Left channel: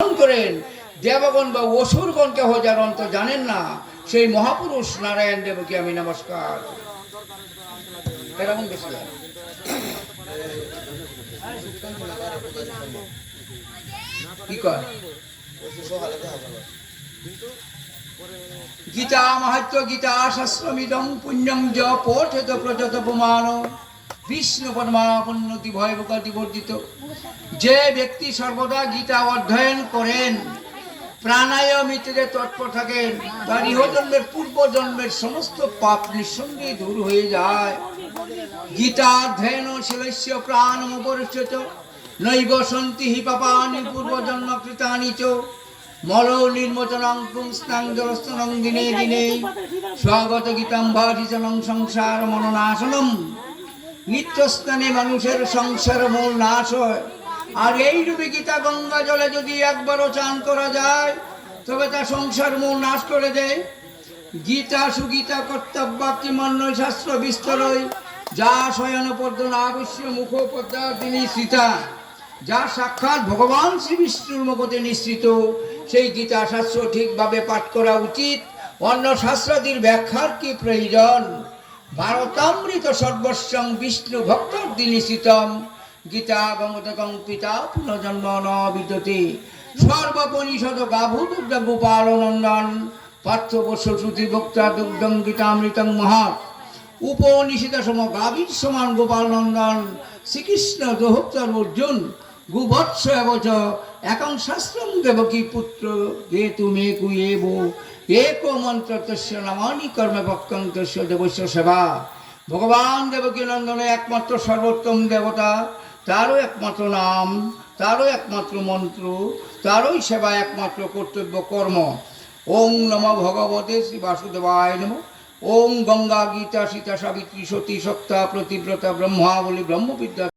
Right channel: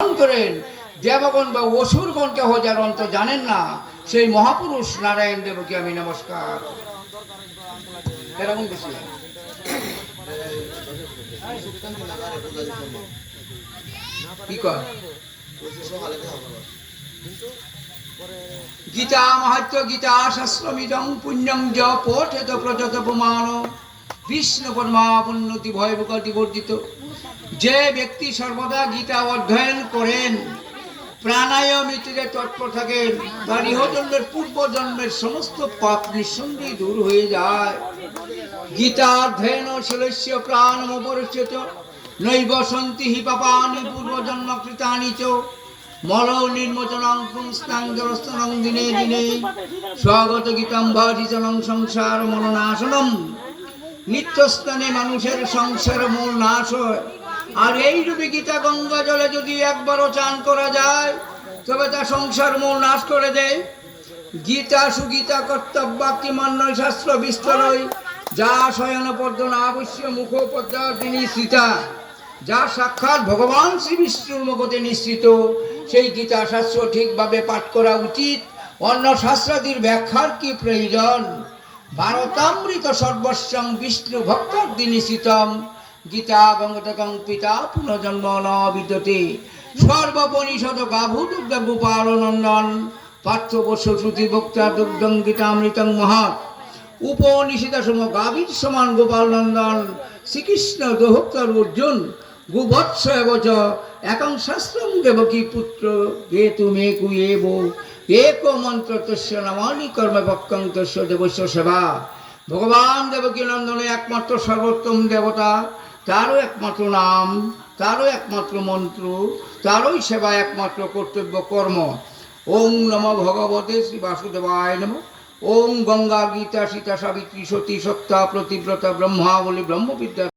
করেন দেবগণ বা অসুরগণকে যার অন্ত জানেন না সেই মহাপুরুষ নারায়ণ দেবকে আমি নমস্কার। এরকম বেশি কি কর গীতা মাহাত্য গীতা শাস্ত্রমিদং পুণ্যম য পঠেত প্রচত প্রমাণ বিষ্ণু পরমাপন্নতি ভয়বুকতি বর্জিত। যে ব্যক্তি সর্বদা গীতা অধ্যয়ন করেন, প্রাণায়ামিতে তৎপর থাকেন, তার ইহজন্মের পূর্বজন্মের সমস্ত পাপ নিঃসন্দেহে দূর হয়ে যায়। গীতা অধ্যয়ন শিলস্য প্রাণমপরিচ্যত নৈব সন্তি হি পাপানি পূর্বজন্ম কৃতানি চ মল নির্মোচনং পুংস্তাং জলস্তনং দিনে দিনে স্বাগত গীতাম ভাটিচনং সংসার মননাশনম। নিত্যস্থানে মানুষের সংসার মূল নাশ হয়। আর এই রূপে গীতা গঙ্গা জলে যদি একবারও চান করা যায় তবে তা সংসার মূল নাশ করে দেয়। গীতা সুগীতা কর্তব্যাক্তি মান্য শাস্ত্র বিস্তরই যা শয়ন পদ্ম নাবশ্য মুখোপদ্মার্থিনী সীতা, যা সাক্ষাৎ ভগবান শ্রী বিষ্ণুর মুখতে নিঃসৃত, সেই গীতা শাস্ত্র ঠিকভাবে পাঠ করা উচিত। অন্য শাস্ত্রাদির ব্যাখ্যার কি প্রয়োজন? ভারতামৃত সর্বস্বং বিষ্ণু ভক্তার্থী নিশ্চিতম গীতা গঙ্গতকং পিতা পুনর্জন্ম ন বিদ্যতে সর্বপনিষদ গাভু দুগ্ধ গোপাল নন্দন পার্থবর্ষ শ্রুতি বক্তা দুগ্ধং গীতামৃতং মহা উপনিষিত সম গাভীর সমান গোপাল নন্দন শ্রীকৃষ্ণ দোহক্তর অর্জুন গুবৎস এবচ একং শাস্ত্রং দেবকী পুত্র যে তুমি কুয়েব এক মন্ত্র তস্য নামানি কর্মে ভক্তং তস্য দেবস্য সেবা। ভগবান দেবকী নন্দনে একমাত্র সর্বোত্তম দেবতা, তারও একমাত্র নাম, তারও একমাত্র মন্ত্র, তারই সেবা একমাত্র কর্তব্য কর্ম। ওং নমো ভগবতে শ্রী বাসুদেবায় নমঃ। ওং গঙ্গা গীতা সীতা সাবিত্রী সতী সত্তা প্রতিব্রতা ব্রহ্মাবলী ব্রহ্মবিদ্যা